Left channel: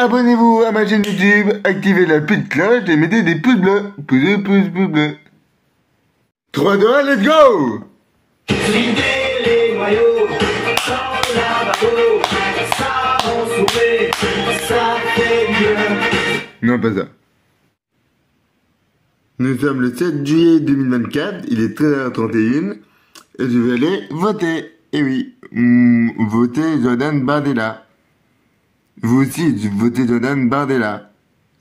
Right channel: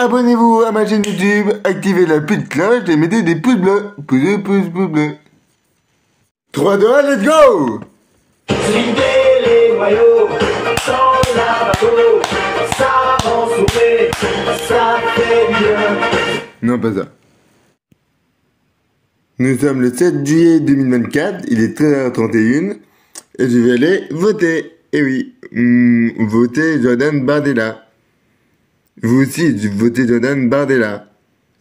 Abonnez-vous à ma chaîne YouTube, activez la petite cloche et mettez des pouces bleus. Pouces bleus. 3, 2, 1, let's go! Slipper les noyaux, sans la bateau, ça rend souffler, ça fait bien. Non, pas ça. Nous sommes le 7 juillet 2024, il est 13h31, et je vais aller voter. Eh oui, voter Jordan Bardella. Vous aussi, votez Jordan Bardella.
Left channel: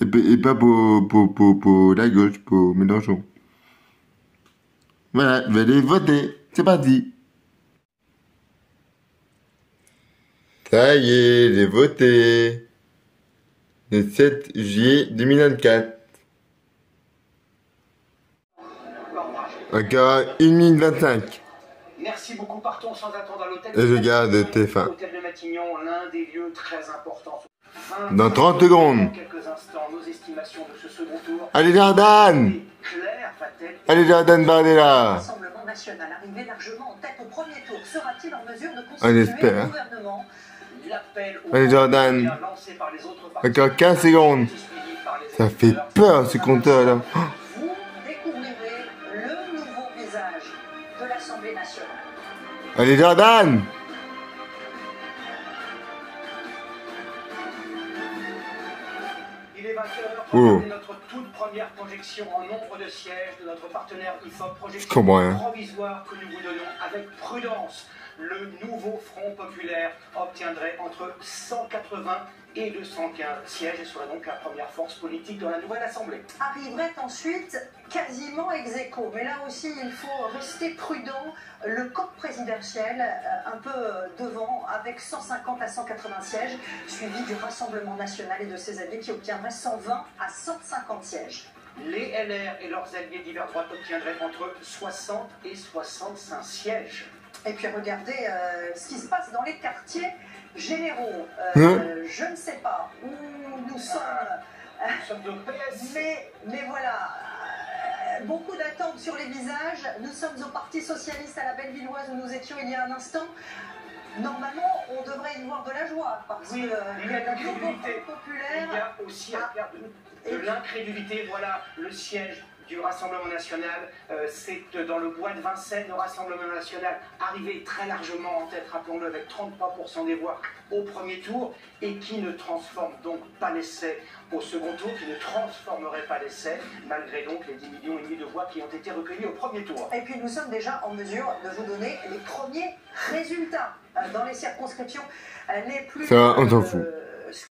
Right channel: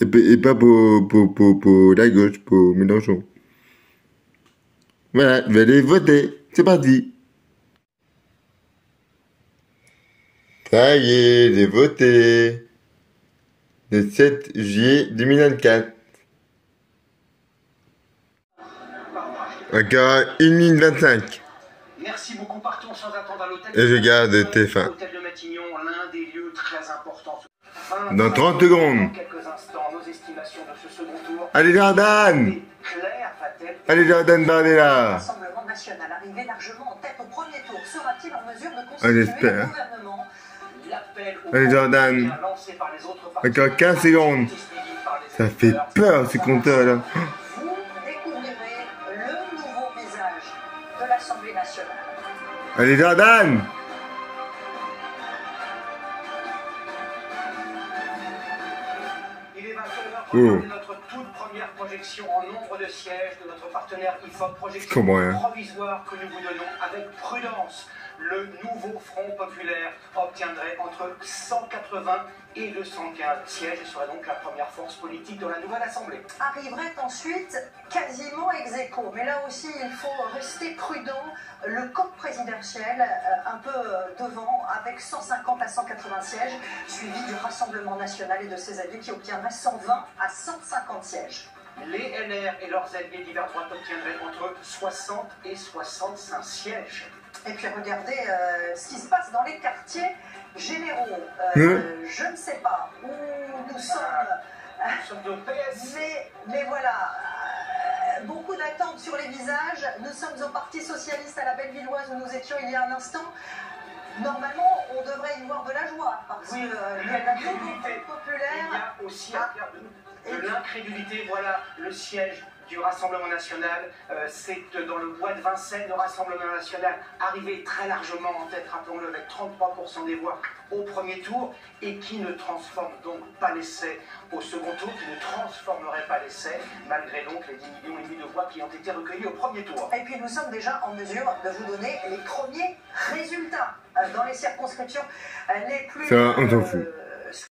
Et pas pour la gauche, pour Mélenchon. Voilà, je vais aller voter. C'est parti. Ça y est, j'ai voté. Le 7 juillet 2024. Encore 1 minute 25. Merci beaucoup, partons sans attendre à l'hôtel. Et je garde TF1. L'hôtel de Matignon, l'un des lieux très importants. Dans 30 secondes. Dans quelques instants, nos estimations de ce second tour. Allez Jordan! Claire va-t-elle... Allez Jordan Bardella! Le Rassemblement national arrivé largement en tête au premier tour sera-t-il en mesure de On constituer espère. un gouvernement? L'appel au Allez Jordan! lancé par les autres partis. Encore 15 secondes. Ça fait peur ce compteur là. Vous découvrirez le nouveau visage de l'Assemblée nationale. Allez Jordan! Il est 20h, Oh. regardez notre toute première projection en nombre de sièges de notre partenaire IFOP, projection comprends rien. provisoire que nous vous donnons avec prudence. Le nouveau Front populaire obtiendrait entre 180 et 215 sièges et serait donc la première force politique dans la nouvelle Assemblée. Arriverait ensuite quasiment ex aequo. Mais là aussi, il faut rester prudent. Le camp présidentiel, un peu devant, avec 150 à 180 sièges, suivi du Rassemblement national et de ses alliés qui obtiendraient 120 à 150 sièges. Les LR et leurs alliés d'hiver droite obtiendraient entre 60 et 65 sièges. Et puis regardez ce qui se passe dans les quartiers généraux. Je ne sais pas où nous sommes, Nous sommes au PS. mais voilà, beaucoup d'attentes sur les visages. Nous sommes au Parti Socialiste à la Bellevilloise où nous étions il y a un instant. Normalement, on devrait y voir de la joie parce Oui, qu'il y a de la nouveauté populaire. Il y a aussi à faire de l'incrédulité. Voilà le siège du Rassemblement national. C'est dans le bois de Vincennes, le Rassemblement national arrivé très largement en tête, rappelons-le, avec 33% des voix au premier tour et qui ne transforme donc pas l'essai au second tour, qui ne transformerait pas l'essai, malgré donc les 10,5 millions de voix qui ont été recueillies au premier tour. Et puis nous sommes déjà en mesure de vous donner les premiers résultats dans les circonscriptions les plus... Ça, on s'en fout.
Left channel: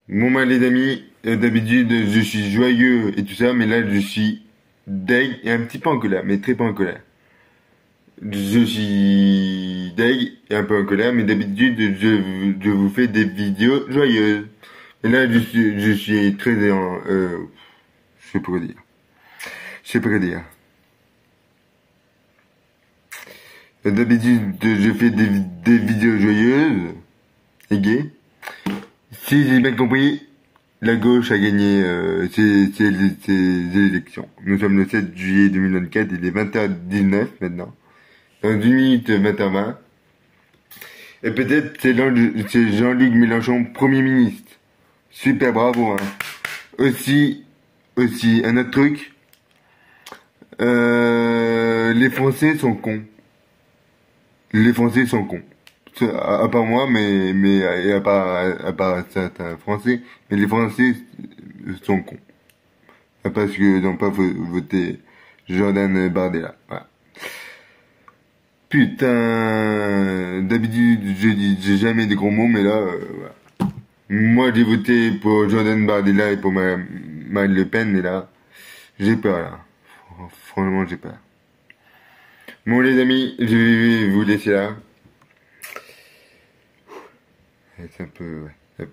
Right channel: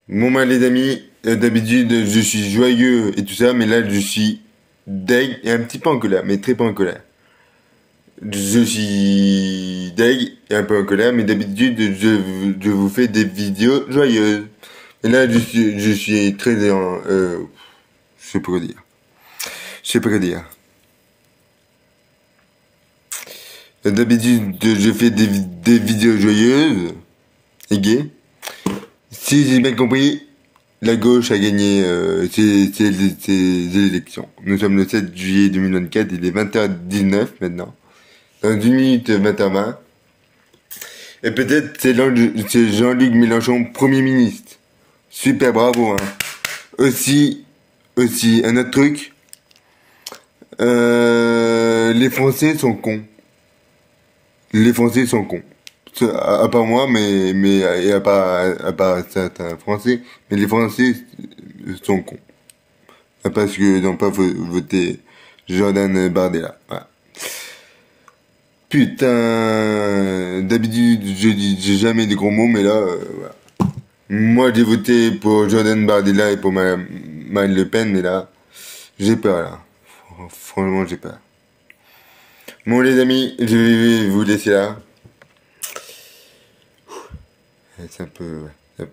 Bon bah les amis, d'habitude je suis joyeux et tout ça, mais là je suis deg et un petit peu en colère, mais très pas en colère. Je suis deg et un peu en colère, mais d'habitude je vous fais des vidéos joyeuses. Et là je suis très je sais pas quoi dire. Je sais pas quoi dire. D'habitude je fais des vidéos joyeuses et gaies. Si j'ai bien compris, la gauche a gagné ces élections. Nous sommes le 7 juillet 2024, il est 20h19 maintenant. Dans 1 minute 20h20. Et peut-être c'est Jean-Luc Mélenchon, Premier ministre. Super, bravo. Hein. Aussi, un autre truc. Les Français sont cons. Les Français sont cons. À part moi, mais à part certains Français, mais les Français sont cons. Parce que ils n'ont pas voté Jordan Bardella. Voilà. Putain, d'habitude j'ai jamais de gros mots, mais là, voilà. Moi j'ai voté pour Jordan Bardella et pour Marine Le Pen, mais là, j'ai peur là. Franchement, j'ai peur. Bon les amis, je vais vous laisser là. C'est un peu, ouais,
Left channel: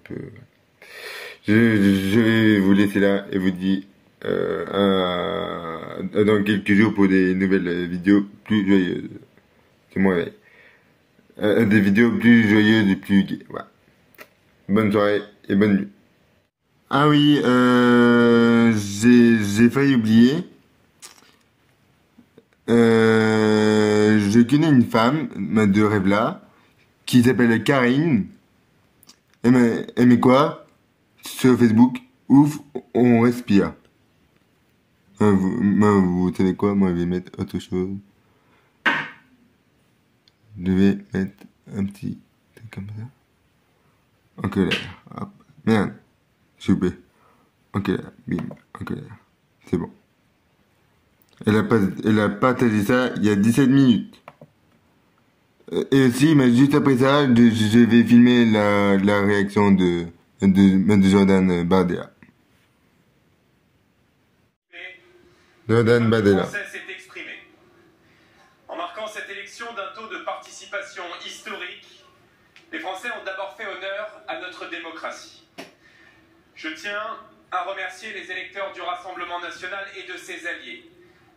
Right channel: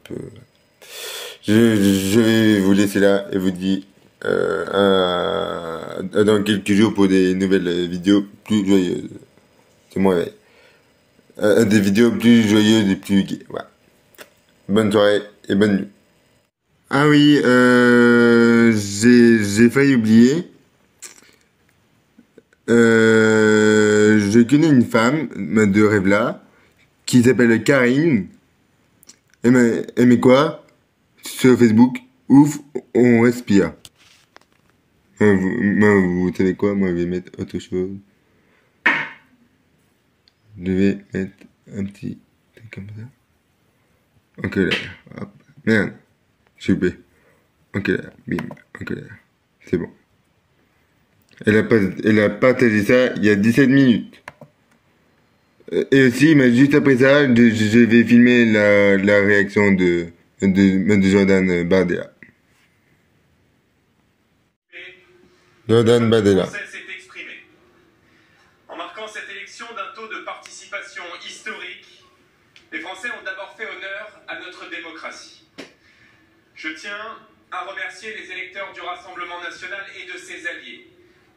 Je vais vous laisser là et vous dis dans quelques jours pour des nouvelles vidéos plus joyeuses. C'est mon réveil. Des vidéos plus joyeuses et plus gaies. Voilà. Bonne soirée et bonne nuit. Ah oui, j'ai failli oublier. Je connais une femme de Revla qui s'appelle Karine. Mais quoi? sur Facebook, ouf, on respire. Vous savez quoi? Moi, je vais mettre autre chose. Je vais mettre un petit truc comme ça. Ok, là. Hop. Merde. S'il vous plaît. Ok, là. Bim. Ok, là. C'est bon. Elle a partagé ça il y a 17 minutes. Et aussi, mais juste après ça, je vais filmer la réaction de Jordan Bardella. Jordan Bardella. S'est exprimé. En marquant cette élection d'un taux de participation historique, les Français ont d'abord fait honneur à notre démocratie. Je tiens à remercier les électeurs du Rassemblement national et de ses alliés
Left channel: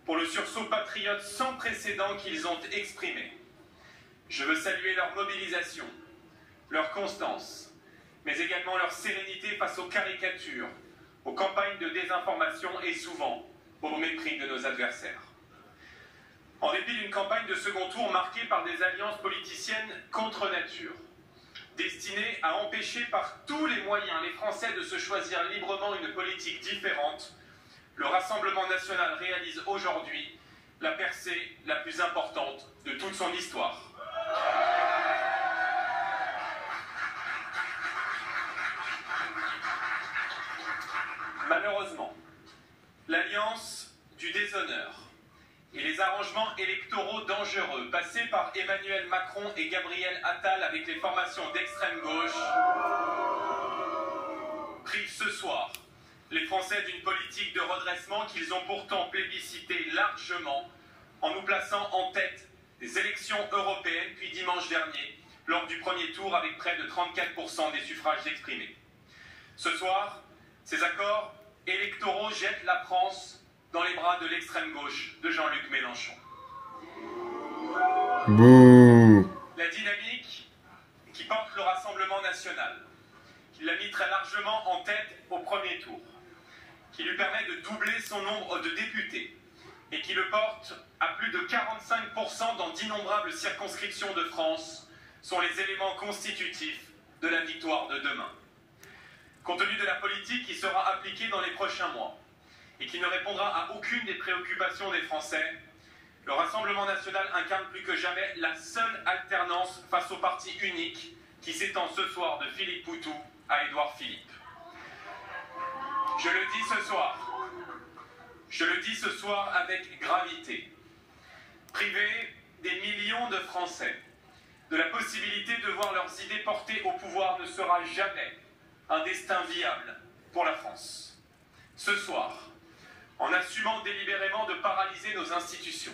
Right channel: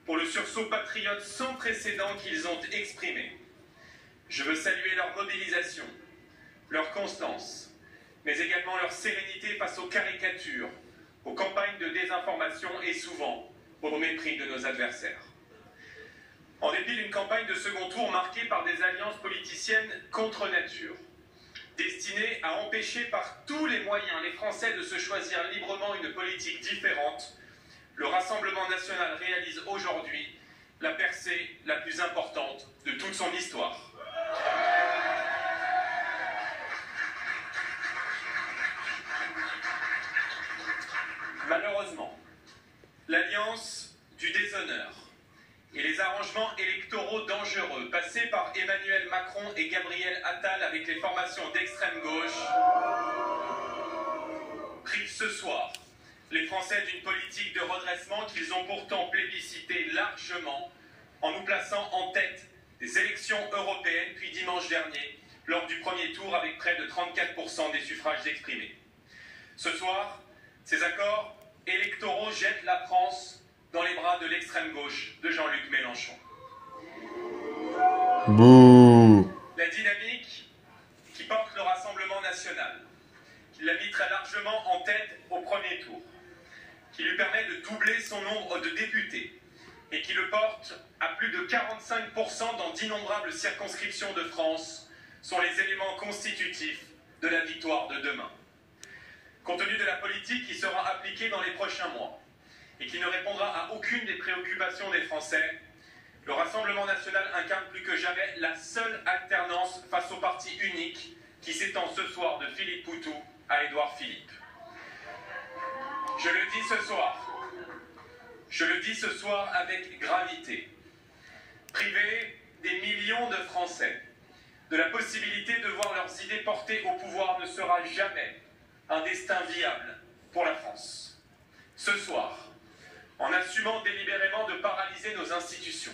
pour le sursaut patriote sans précédent qu'ils ont exprimé. Je veux saluer leur mobilisation, leur constance, mais également leur sérénité face aux caricatures, aux campagnes de désinformation et souvent au mépris de nos adversaires. En dépit d'une campagne de second tour marquée par des alliances politiciennes contre nature, destinées à empêcher par tous les moyens les Français de se choisir librement une politique différente, le Rassemblement national réalise aujourd'hui la percée la plus importante de toute son histoire. Malheureusement, l'alliance du déshonneur et les arrangements électoraux dangereux passés par Emmanuel Macron et Gabriel Attal avec les formations d'extrême gauche privent ce soir les Français d'une politique de redressement qu'ils ont pourtant plébiscité largement en nous plaçant en tête des élections européennes, puis dimanche dernier, lors du premier tour avec près de 34% des suffrages exprimés. Ce soir, ces accords électoraux jettent la France dans les bras de l'extrême gauche de Jean-Luc Mélenchon. Bouh. La dynamique qui porte le Rassemblement national, qui l'a mis très largement en tête au premier tour, qui lui permet de doubler son nombre de députés et qui le porte à plus de 45% dans d'innombrables circonscriptions de France, sont les éléments constitutifs de la victoire de demain. Compte tenu de la politique qui sera appliquée dans les prochains mois et qui ne répondra à aucune des préoccupations des Français, le Rassemblement national incarne plus que jamais la seule alternance face au parti unique qui s'étend ce soir de Philippe Poutou à Édouard Philippe. Je le dis ce soir avec gravité. Priver des millions de Français de la possibilité de voir leurs idées portées au pouvoir ne sera jamais un destin viable pour la France. Ce soir, en assumant délibérément de paralyser nos institutions,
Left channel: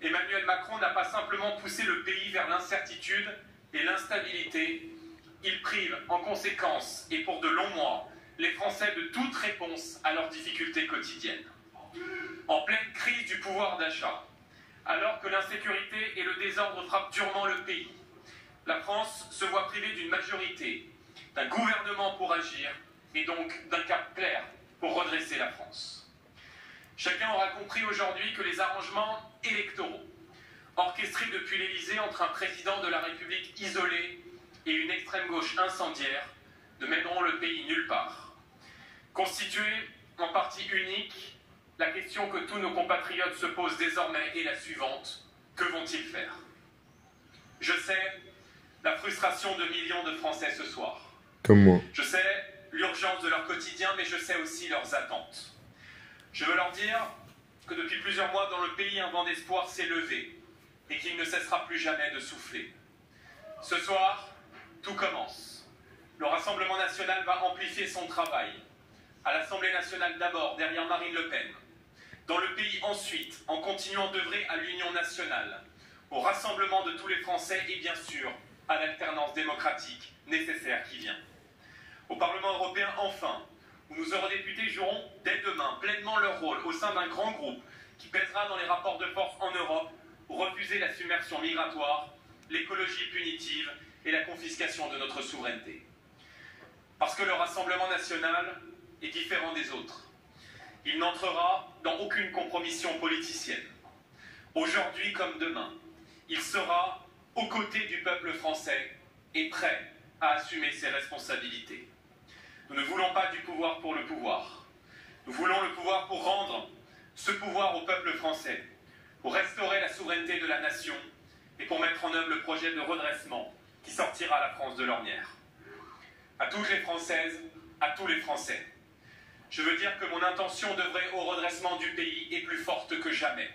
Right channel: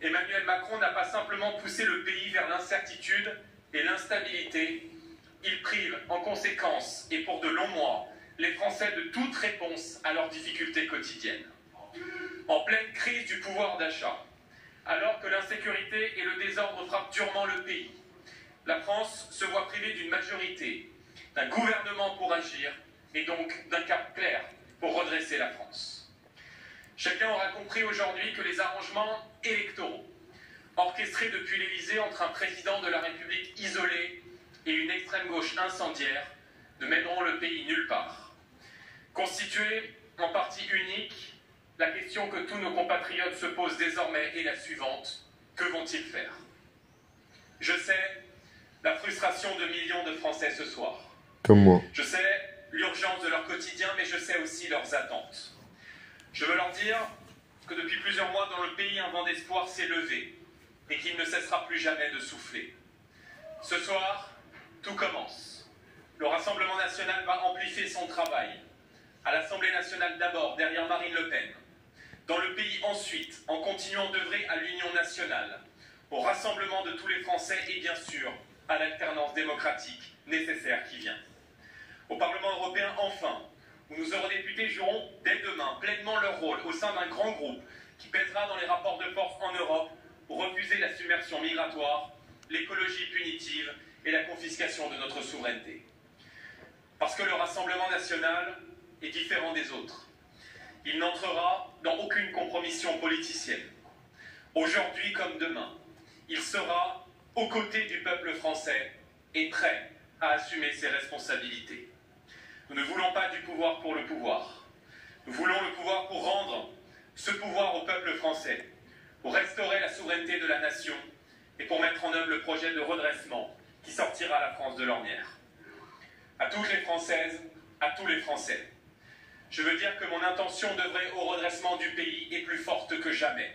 Emmanuel Macron n'a pas simplement poussé le pays vers l'incertitude et l'instabilité, il prive en conséquence et pour de longs mois les Français de toute réponse à leurs difficultés quotidiennes. En pleine crise du pouvoir d'achat, alors que l'insécurité et le désordre frappent durement le pays, la France se voit privée d'une majorité, d'un gouvernement pour agir et donc d'un cap clair pour redresser la France. Chacun aura compris aujourd'hui que les arrangements électoraux, orchestrés depuis l'Élysée entre un président de la République isolé et une extrême gauche incendiaire, ne mèneront le pays nulle part. Constitué en parti unique, la question que tous nos compatriotes se posent désormais est la suivante: que vont-ils faire? Je sais la frustration de millions de Français ce soir. Comme moi. Je sais l'urgence de leur quotidien, mais je sais aussi leurs attentes. Je veux leur dire que depuis plusieurs mois dans le pays, un vent d'espoir s'est levé et qu'il ne cessera plus jamais de souffler. Ce soir, tout commence. Le Rassemblement national va amplifier son travail. À l'Assemblée nationale d'abord, derrière Marine Le Pen. Dans le pays ensuite, en continuant d'œuvrer à l'union nationale, au rassemblement de tous les Français et bien sûr à l'alternance démocratique nécessaire qui vient. Au Parlement européen enfin, où nos eurodéputés joueront dès demain pleinement leur rôle au sein d'un grand groupe qui pèsera dans les rapports de force en Europe pour refuser la submersion migratoire, l'écologie punitive et la confiscation de notre souveraineté. Parce que le Rassemblement national est différent des autres. Il n'entrera dans aucune compromission politicienne. Aujourd'hui comme demain, il sera aux côtés du peuple français et prêt à assumer ses responsabilités. Nous ne voulons pas du pouvoir pour le pouvoir. Nous voulons le pouvoir pour rendre ce pouvoir au peuple français, pour restaurer la souveraineté de la nation et pour mettre en œuvre le projet de redressement qui sortira la France de l'ornière. À toutes les Françaises, à tous les Français, je veux dire que mon intention d'œuvrer au redressement du pays est plus forte que jamais.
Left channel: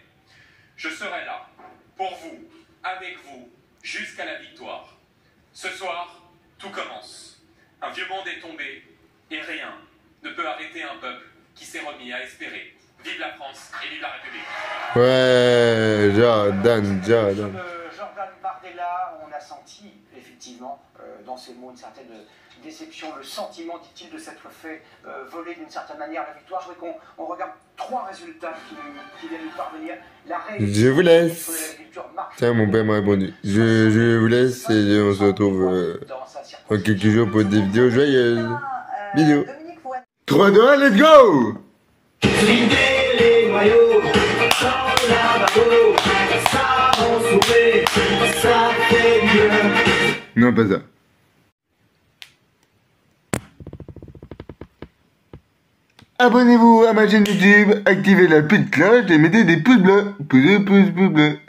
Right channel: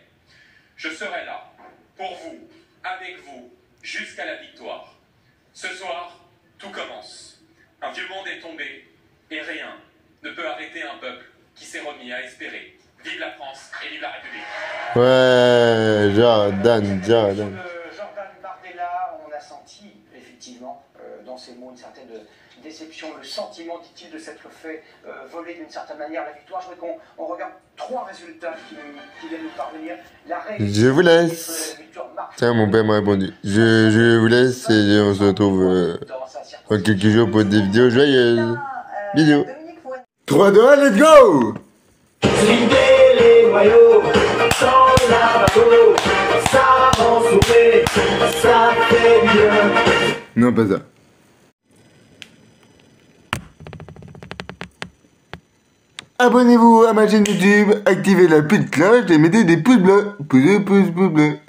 Je serai là, pour vous, avec vous, jusqu'à la victoire. Ce soir, tout commence. Un vieux monde est tombé, et rien ne peut arrêter un peuple qui s'est remis à espérer. Vive la France et vive la République. Ouais, Jordan. Jordan Bardella, on a senti effectivement dans ces mots une certaine déception, le sentiment, dit-il, de s'être fait voler d'une certaine manière la victoire. Je voudrais qu'on regarde 3 résultats qui viennent nous parvenir. Je vous laisse. Tiens, mon père m'a répondu. Je vous laisse et on se retrouve dans quelques jours pour des vidéos joyeuses. Bisous. 3, 2, 1, let's go! Slider les noyaux sans lavabo, ça rend souffler, ça fait mieux. Non, pas ça. Abonnez-vous à ma chaîne YouTube, activez la petite cloche et mettez des pouces bleus. Pouces bleus.